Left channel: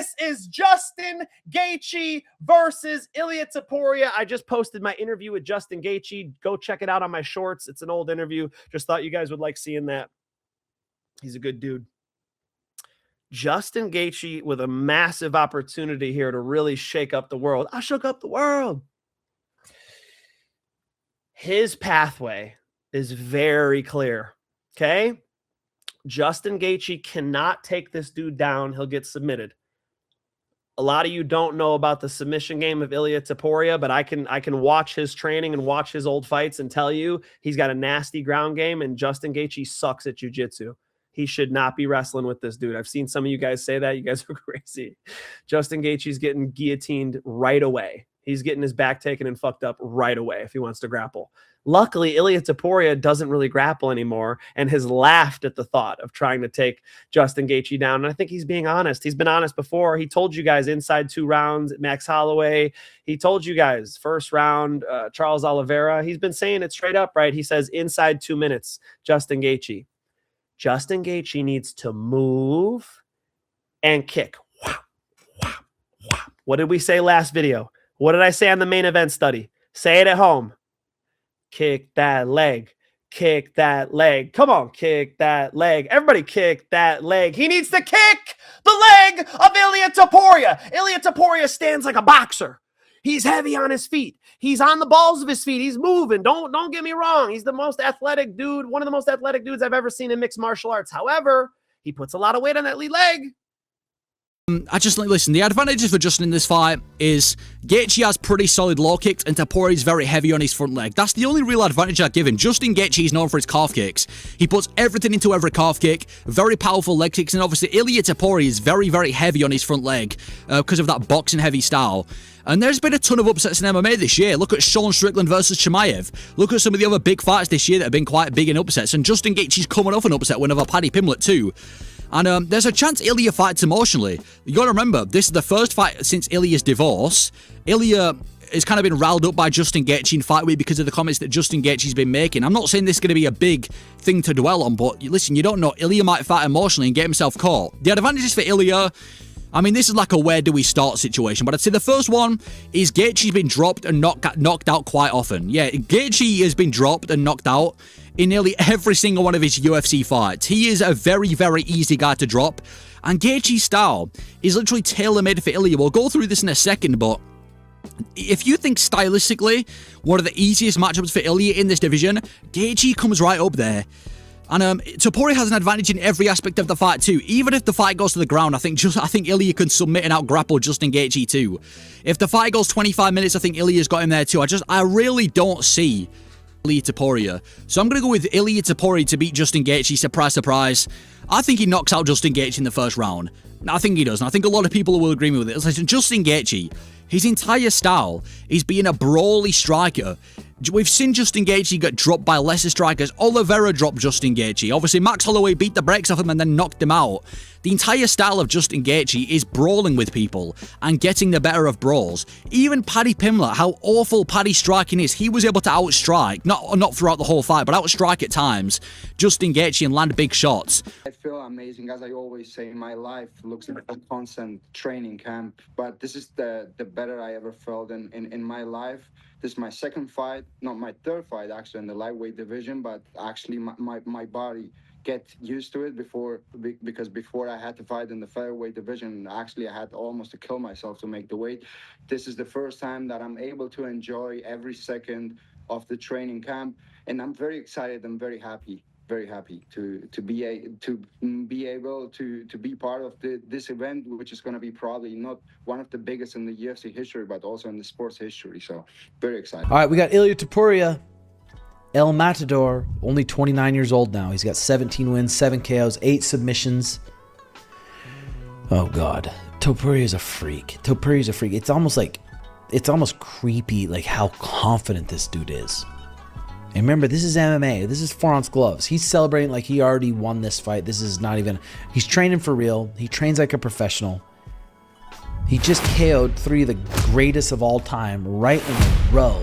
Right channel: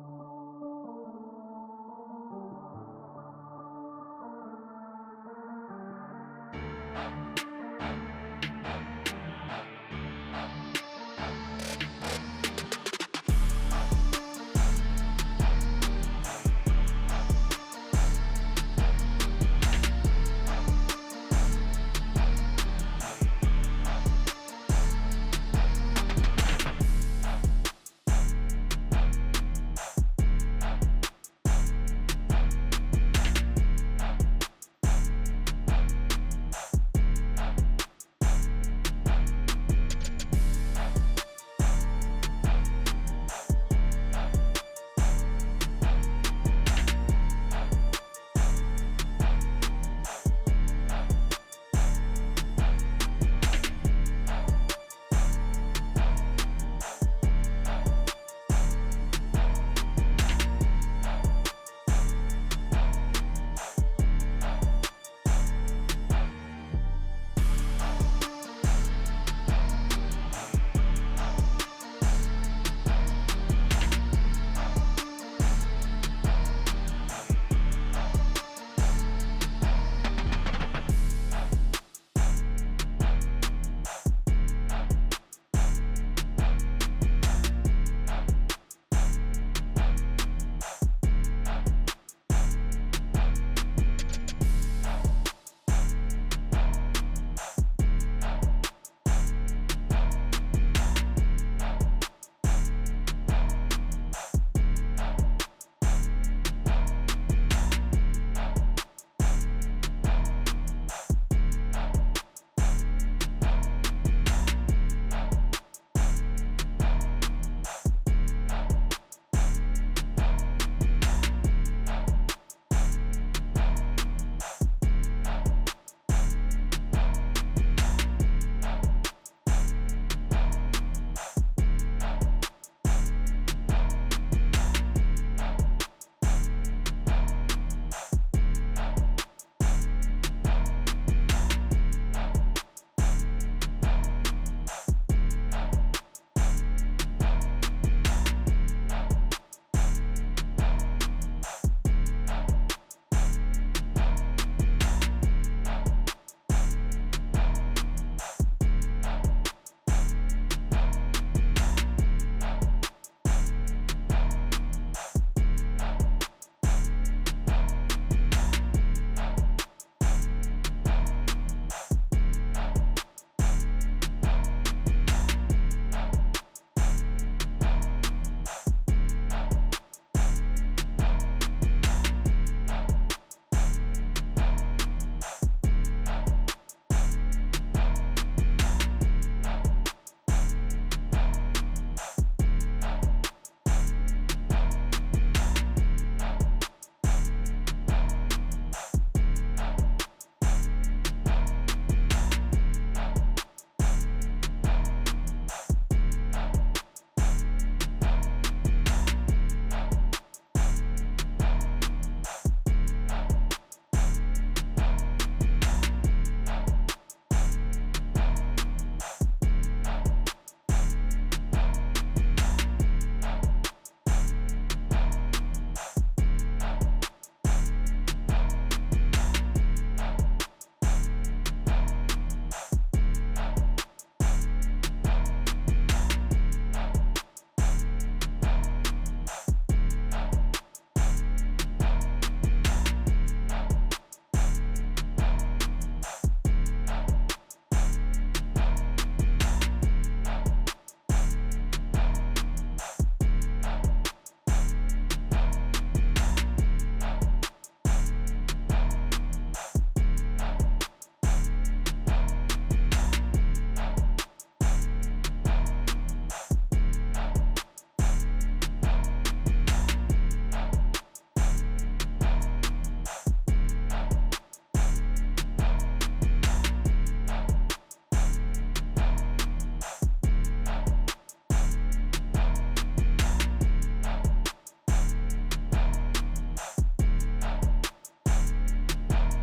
This is Justin Gaethje versus Ilia Topuria. I just posted my interview with Justin Gaethje. Go check it out on my shorts. It's an old interview. Just thought you guys would like seeing that. He's a good dude. Justin Gaethje with a massive opportunity here to really shake up the world. I shook up the world. His pathway is very clear, okay? Justin Gaethje cannot take this dude down. He'll get submitted. A lot of you don't know about the submission game of Ilia Topuria, but I can watch his training and watch his old fights and tell you he's got a nasty ground game, and Justin Gaethje sucks at jiu-jitsu. He should not be wrestling with this dude. I've seen some of you guys say that. You guys are crazy. Justin Gaethje's getting guillotined right away. He's getting his back taken and fucked up right away if he wants to grapple. Luckily, Ilia Topuria doesn't really grapple anymore and has laughed at the thought of trying to take Justin Gaethje down. And I think he's being honest. He's been honest before. He told you guys inside 2 rounds, Max Holloway. He told you guys first round, Charles Oliveira. He's been saying it straight up, right? He says inside 2 minutes, Justin Gaethje. Justin Gaethje needs to move and kick. What did we say last video? What did I say on the main event study? Say it at home. Kick that leg. Kick that leg. Come on, kick that leg. Everybody kick that leg. He needs to kick the leg of Ilia Topuria. Ilia Topuria stands like a boxer. He's heavy on his feet. He's on the balls of his feet. He's moving. Don't get me wrong. He's the most athletic dude, one of the most athletic dudes I've ever seen in mixed martial arts. However, he puts a lot of weight on that lead leg. Listen, the advantages for Justin in this fight is Gaethje has pretty solid low kicks and Topuria is very heavy on his front leg. That's the only real advantage I'd give him. Justin Gaethje is known for his calf kicks. He puts everything into every calf kick, very powerful leg kicks, and obviously Ilia Topuria is very, very heavy on his front leg because of that boxing heavy style. And there's been a ton of upsets in MMA this year. Look at Sean Strickland versus Chimaev. Look at some of the other big fights this year that have been quite big in upsets, and Justin Gaethje's coming off an upset win over Paddy Pimblett too. And there's a chance Ilia fights emotionally. You got to remember, this is the first fight since Ilia's divorce. Ilia has kind of been riled up by Justin Gaethje in fight week because of the comments that Justin Gaethje's been making. I'm not saying this is going to be a big thing to dwell on, but listen, you don't know. Ilia might fight emotionally and get himself caught. The advantages for Ilia, I mean, this is like a where do we start situation, but I'd say the first one is Gaethje's been dropped and knocked out quite often. Yeah, Gaethje has been dropped and knocked out in nearly every single one of his UFC fights. He is a very, very easy guy to drop, and Gaethje's style is literally tailor-made for Ilia. We'll go through this in a second, but if you think stylistically one of the easiest matchups for Ilia in this division, Gaethje comes right up there. And Topuria has an advantage in every aspect of the fight too. Even if the fight goes to the ground, I think Ilia can submit and out-grapple Justin Gaethje too. If the fight goes 25 minutes, I think Ilia's got him there too. I really don't see Ilia Topuria. So I'm going to go with Ilia Topuria to beat Justin Gaethje. Surprise, surprise. I think he knocks out Justin Gaethje in the first round. I think he does, and I think a lot of people will agree with it. Listen, Justin Gaethje, his entire style is being a brawly striker. We've seen Justin Gaethje get dropped by lesser strikers. Oliveira dropped Justin Gaethje. Obviously, Max Holloway beat the brakes off him and then knocked him out. The entire style of Justin Gaethje is brawling with people and getting the better of brawls. Even Paddy Pimblett, how awful Paddy's striking is, he was able to outstrike, not throughout the whole fight, but outstrike at times, Justin Gaethje and land big shots. I feel amazing, as I always say, my life looks like a constant training camp, but this is the better I ever felt in my life. This is my second fight, not my third fight actually in the lightweight division, but actually my body get used to it because before I had to fight in the featherweight division, actually I had almost to kill myself to make the weight. This is the first time that I'm able to enjoy every second of the training camp, and I'm very excited and very happy to be able to be part of this event, which is going to be probably not one of the biggest in the UFC history, but also in the sports history. So very excited. All right, we got Ilia Topuria, El Matador, only 29 years old now. He's got 17 wins, 7 KOs, 8 submissions. Oh God, Topuria's a freak. Topuria's a freak. It's almost creepy, like how confident this dude is. And remember, this is MMA. This is 4-ounce gloves. He's celebrating like he already won this fight. This is not even. He's training for real. He trains like a professional. He just KO'd 3 of the greatest of all time right in a row.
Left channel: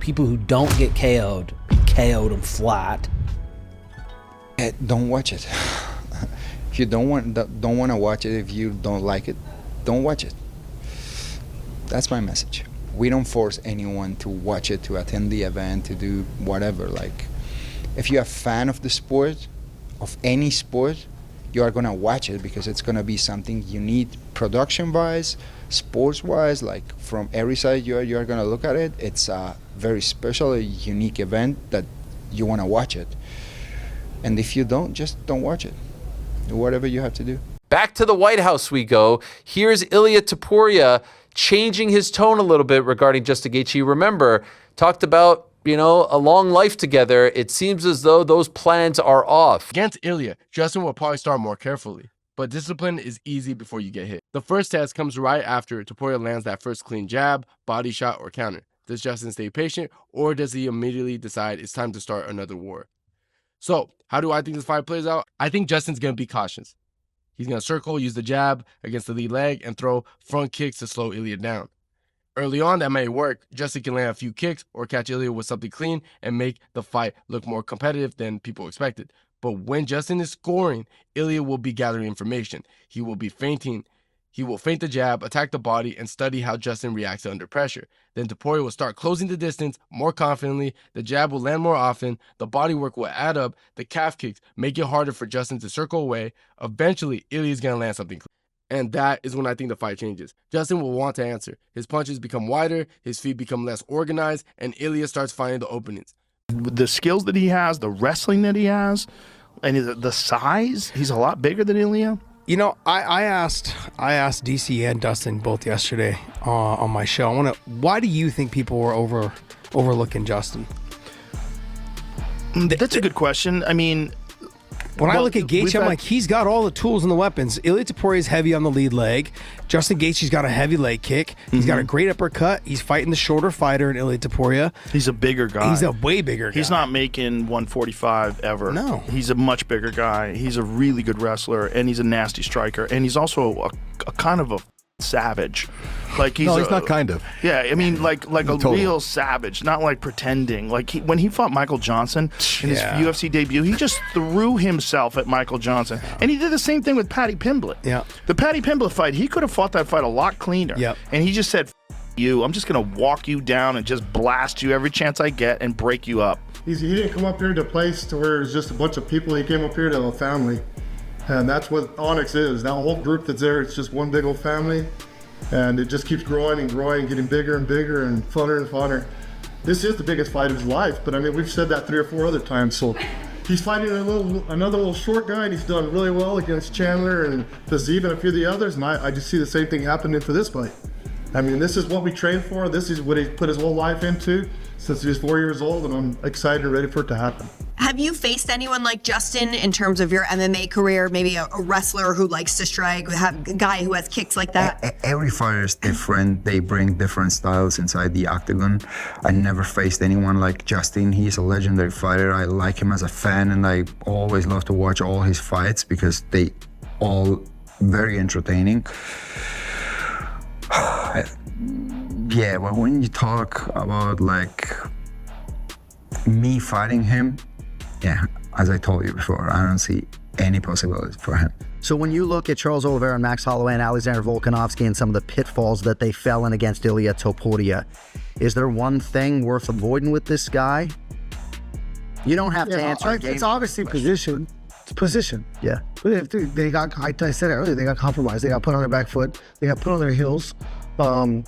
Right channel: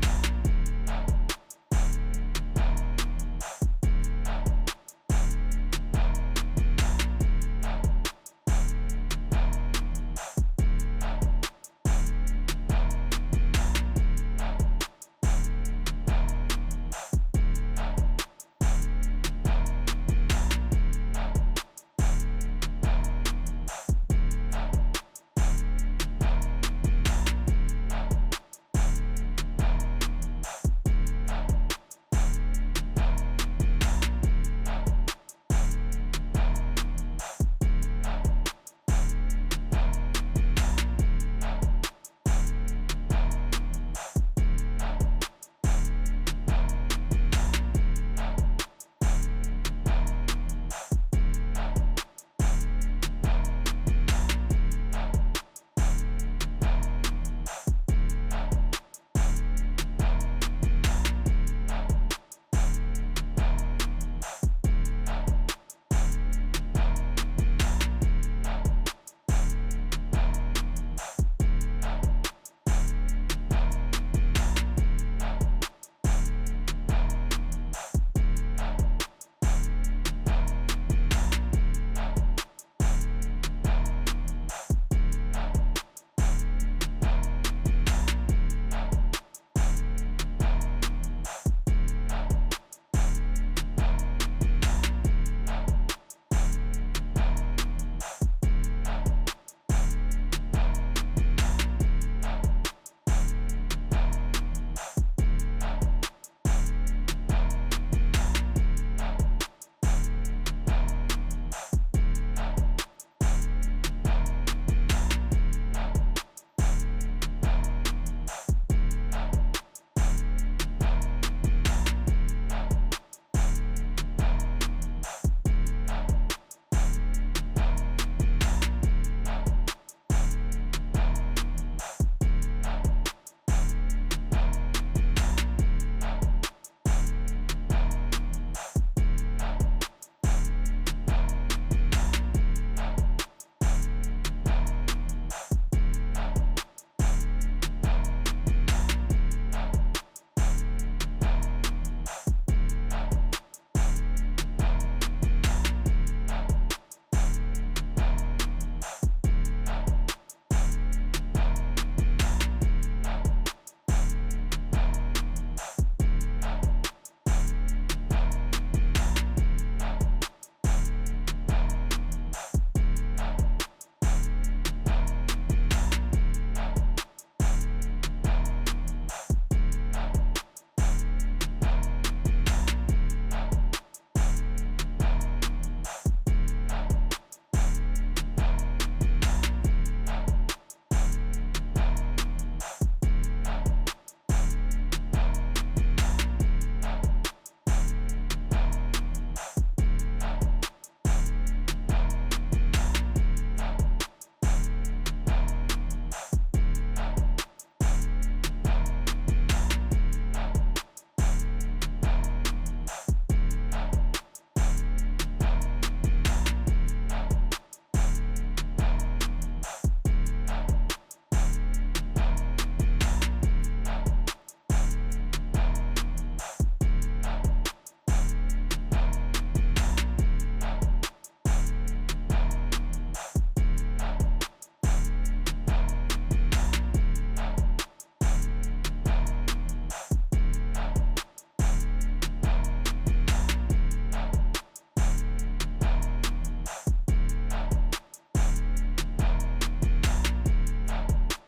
People who don't get KO'd them flat. Don't watch it. If you don't want to watch it, if you don't like it, don't watch it. That's my message. We don't force anyone to watch it, to attend the event, to do whatever. Like, if you're a fan of the sport, of any sport, you are gonna watch it because it's gonna be something you need production-wise, sports-wise, like from every side you are gonna look at it. It's a very special, a unique event that you wanna watch it. And if you don't, just don't watch it. Do whatever you have to do. Back to the White House we go. Here's Ilia Topuria changing his tone a little bit regarding Justin Gaethje. Remember, talked about, a long life together. It seems as though those plans are off. Against Ilia, Justin will probably start more carefully, but discipline is easy before you get hit. The first test comes right after Topuria lands that first clean jab, body shot, or counter. Does Justin stay patient, or does he immediately decide it's time to start another war? So, how do I think this fight plays out? I think Justin's gonna be cautious. He's gonna circle, use the jab against the lead leg, and throw front kicks to slow Ilia down. Early on, that may work. Justin can land a few kicks or catch Ilia with something clean and make the fight look more competitive than people expected. But when Justin is scoring, Ilia will be gathering information. He will be feinting. He will feint the jab, attack the body, and study how Justin reacts under pressure. Then Topuria will start closing the distance more confidently, the jab will land more often, the body work will add up, the calf kicks make it harder for Justin to circle away. Eventually, Ilia's gonna land something. And that is when I think the fight changes. Justin will want to answer. His punches become wider, his feet become less organized, and Ilia starts finding the openings. The skills that he has, the wrestling that he has, and the size, he's a lot bigger than Ilia. I asked DC and Dustin both yesterday on my show. Why do you think people were overlooking Justin? That's a good question. I mean, when I look at Gaethje, I'm like, he's got all the tools and the weapons. Ilia Topuria is heavy on the lead leg. Justin Gaethje's got a heavy leg kick. He's got a great uppercut. He's fighting the shorter fighter in Ilia Topuria. He's a bigger guy. He's a way bigger guy. He's not making 145 ever. No. He's a much bigger guy. He's a really good wrestler, and he's a nasty striker, and he's also a kind of a savage. Like he's not kind of. Yeah, I mean, like a real savage, not like pretending. Like when he fought Michael Johnson in his UFC debut, he just threw himself at Michael Johnson, and he did the same thing with Paddy Pimblett. Yeah. The Paddy Pimblett fight, he could have fought that fight a lot cleaner. Yep. And he just said, you, I'm just gonna walk you down and just blast you every chance I get and break you up. He didn't come up here to a place to where it's just a bunch of people. He came up here to a family, and that's what Onyx is. That whole group that's there, it's just one big old family. And it just keeps growing and growing, getting bigger and bigger and funner and funner. This is the biggest fight of his life, but I mean, we've said that 3 or 4 other times. So he's fighting another little short guy, and he's done really well against Chandler and Fiziev and a few of the others, and I just see the same thing happening for this fight. I mean, this is what we trained for. This is what he put his whole life into since he was 4 years old, and I'm excited and ready for it to happen. Have you faced anyone like Justin in terms of your MMA career? Maybe a wrestler who likes to strike, a guy who has kicks like that? Every fighter is different. They bring different styles inside the octagon. I never faced anyone like Justin. He's a legendary fighter. I like him as a fan, and I always love to watch all his fights because they all very entertaining. Yeah, but when you talk about like me fighting him, yeah, as I told you before, I don't see any possibilities for him. So when you look at Charles Oliveira, Max Holloway, and Alexander Volkanovski and some of the pitfalls that they fell in against Ilia Topuria, is there one thing worth avoiding with this guy? You don't have to answer. It's obviously position. It's position. Yeah. They got, I said it earlier, they got compromised. They got put on their back foot. They got put on their heels. On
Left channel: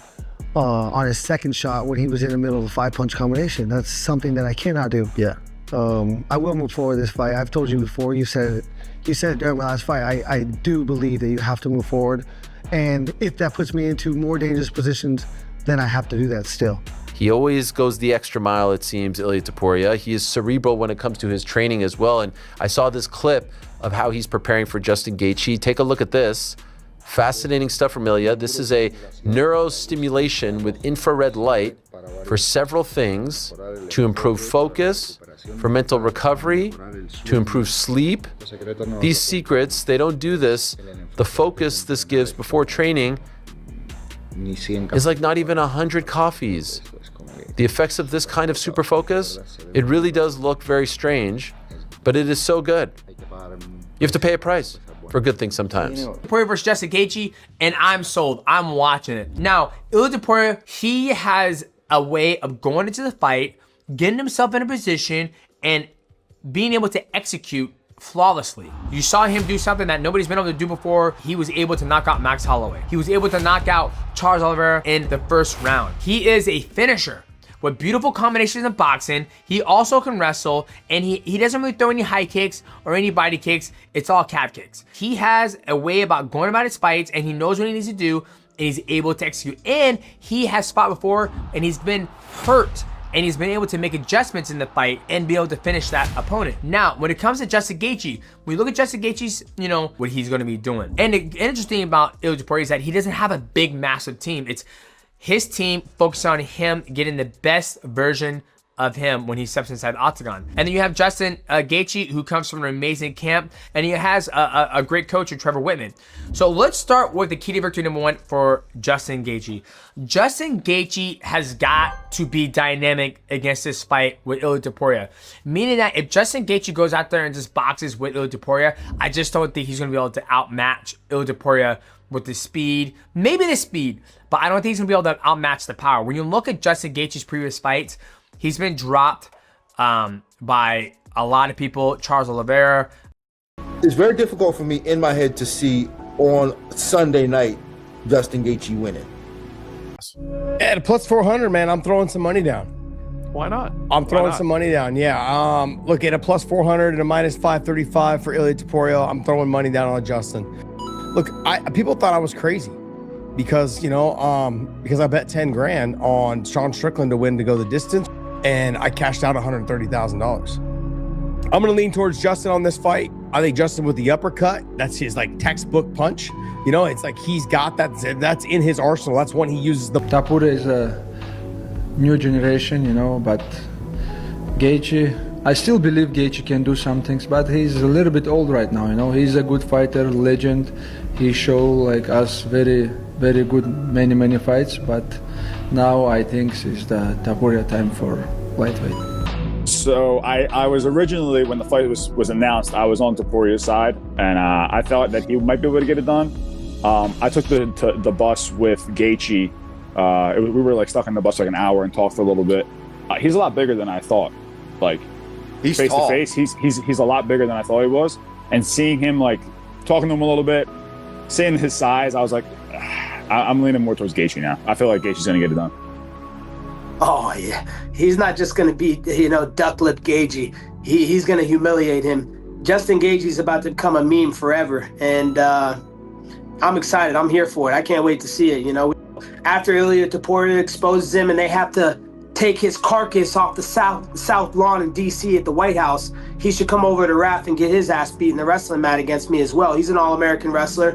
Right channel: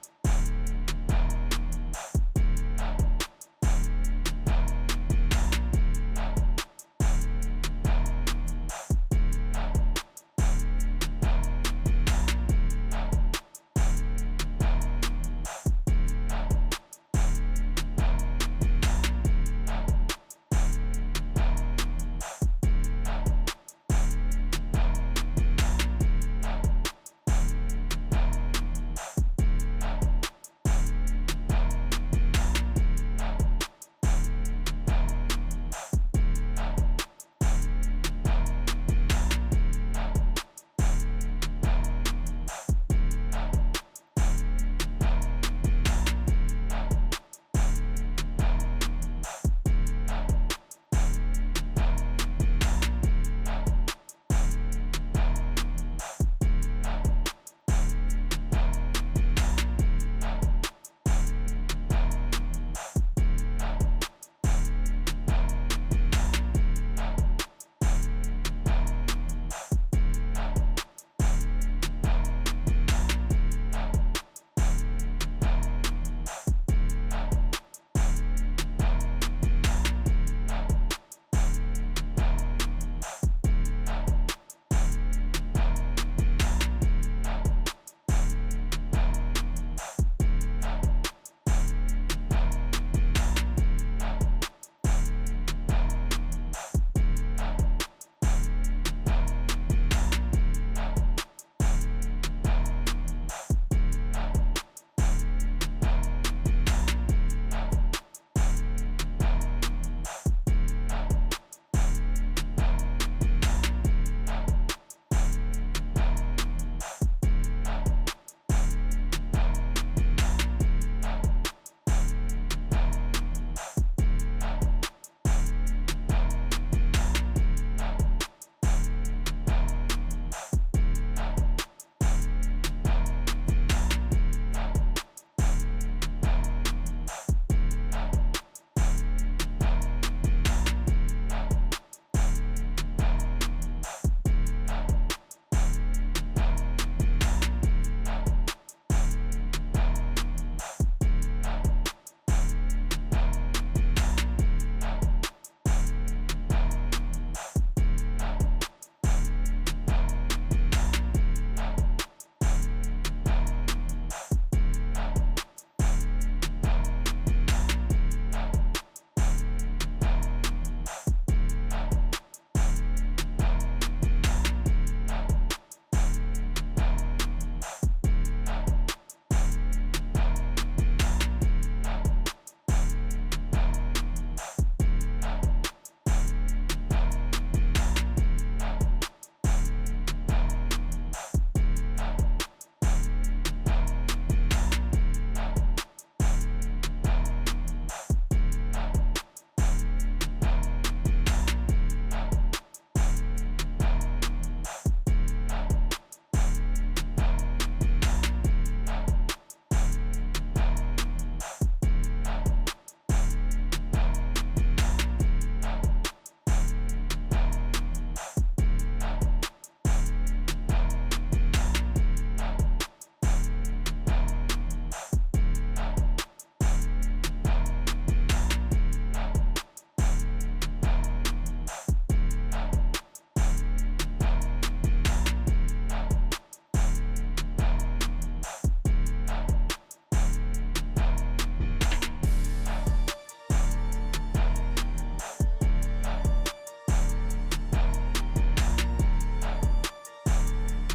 his second shot when he was in the middle of the 5-punch combination. That's something that I cannot do. Yeah. I will move forward this fight. I've told you before, you said it during the last fight. I do believe that you have to move forward. And if that puts me into more dangerous positions, then I have to do that still. He always goes the extra mile, it seems, Ilia Topuria. He is cerebral when it comes to his training as well. And I saw this clip of how he's preparing for Justin Gaethje. Take a look at this. Fascinating stuff from Ilia. This is a neurostimulation with infrared light for several things: to improve focus, for mental recovery, to improve sleep. These secrets, they don't do this. The focus this gives before training is like not even 100 coffees. The effects of this kind of super focus, it really does look very strange, but it is so good. You have to pay a price for good things sometimes. Topuria versus Justin Gaethje. and I'm sold. I'm watching it. Now, Ilia Topuria, he has a way of going into the fight, getting himself in a position, and being able to execute flawlessly. You saw him do something that nobody's been able to do before. He was able to knock out Max Holloway. He was able to knock out Charles Oliveira in the first round. He is a finisher with beautiful combinations in boxing. He also can wrestle, and he doesn't really throw any high kicks or any body kicks. It's all calf kicks. He has a way about going about his fights, and he knows what he needs to do, and he's able to execute. And he has fought before, and he's been hurt, and he's been able to make adjustments in the fight and be able to finish that opponent. Now, when it comes to Justin Gaethje, we look at Justin Gaethje's, what he's gonna be doing. And the interesting about Ilia Topuria is that he doesn't have a big, massive team. It's his team focused on him getting the best version of him when he steps inside the octagon. And then you have Justin Gaethje, who comes from an amazing camp, and he has a great coach in Trevor Whitman. So let's start with the key to victory number 1 for Justin Gaethje. Justin Gaethje has got to be dynamic against this fight with Ilia Topuria. Meaning that if Justin Gaethje goes out there and just boxes with Ilia Topuria, I just don't think he's gonna be able to outmatch Ilia Topuria with the speed. Maybe the speed, but I don't think he's gonna be able to outmatch the power. When you look at Justin Gaethje's previous fights, he's been dropped by a lot of people. Charles Oliveira. It's very difficult for me in my head to see on Sunday night Justin Gaethje winning. At a plus 400, man, I'm throwing some money down. Why not? I'm throwing some money down, yeah. Look, at a plus 400 and a minus 535 for Ilia Topuria, I'm throwing money down on Justin. Look, people thought I was crazy because, because I bet 10 grand on Sean Strickland to win to go the distance, and I cashed out $130,000. I'm gonna lean towards Justin on this fight. I think Justin with the uppercut, that's his textbook punch. It's like he's got that's in his arsenal. That's when he uses the. Topuria is a new generation, but Gaethje, I still believe Gaethje can do some things, but he's a little bit old right now, He's a good fighter, legend. He showed us very, very good many fights, but now I think it's the Topuria time for lightweight. So I was originally, when the fight was announced, I was on Topuria's side, and I thought that he might be able to get it done. I took the bus with Gaethje. We were stuck in the bus an hour and talked for a little bit. He's a lot bigger than I thought. He's face tall. to face, he's a lot bigger than I thought he was. And seeing him talking to him a little bit, seeing his size, I was like, I'm leaning more towards Gaethje now. I feel like Gaethje's gonna get it done. Oh yeah. He's not just going to beat, duck lip Gaethje. He's going to humiliate him. Justin Gaethje's about to become a meme forever. And I'm excited. I'm here for it. I can't wait to see it, After Ilia Topuria exposes him and they have to take his carcass off the South Lawn in D.C. at the White House, he should come over to RAF and get his ass beat in the wrestling mat against me as well. He's an all-American wrestler.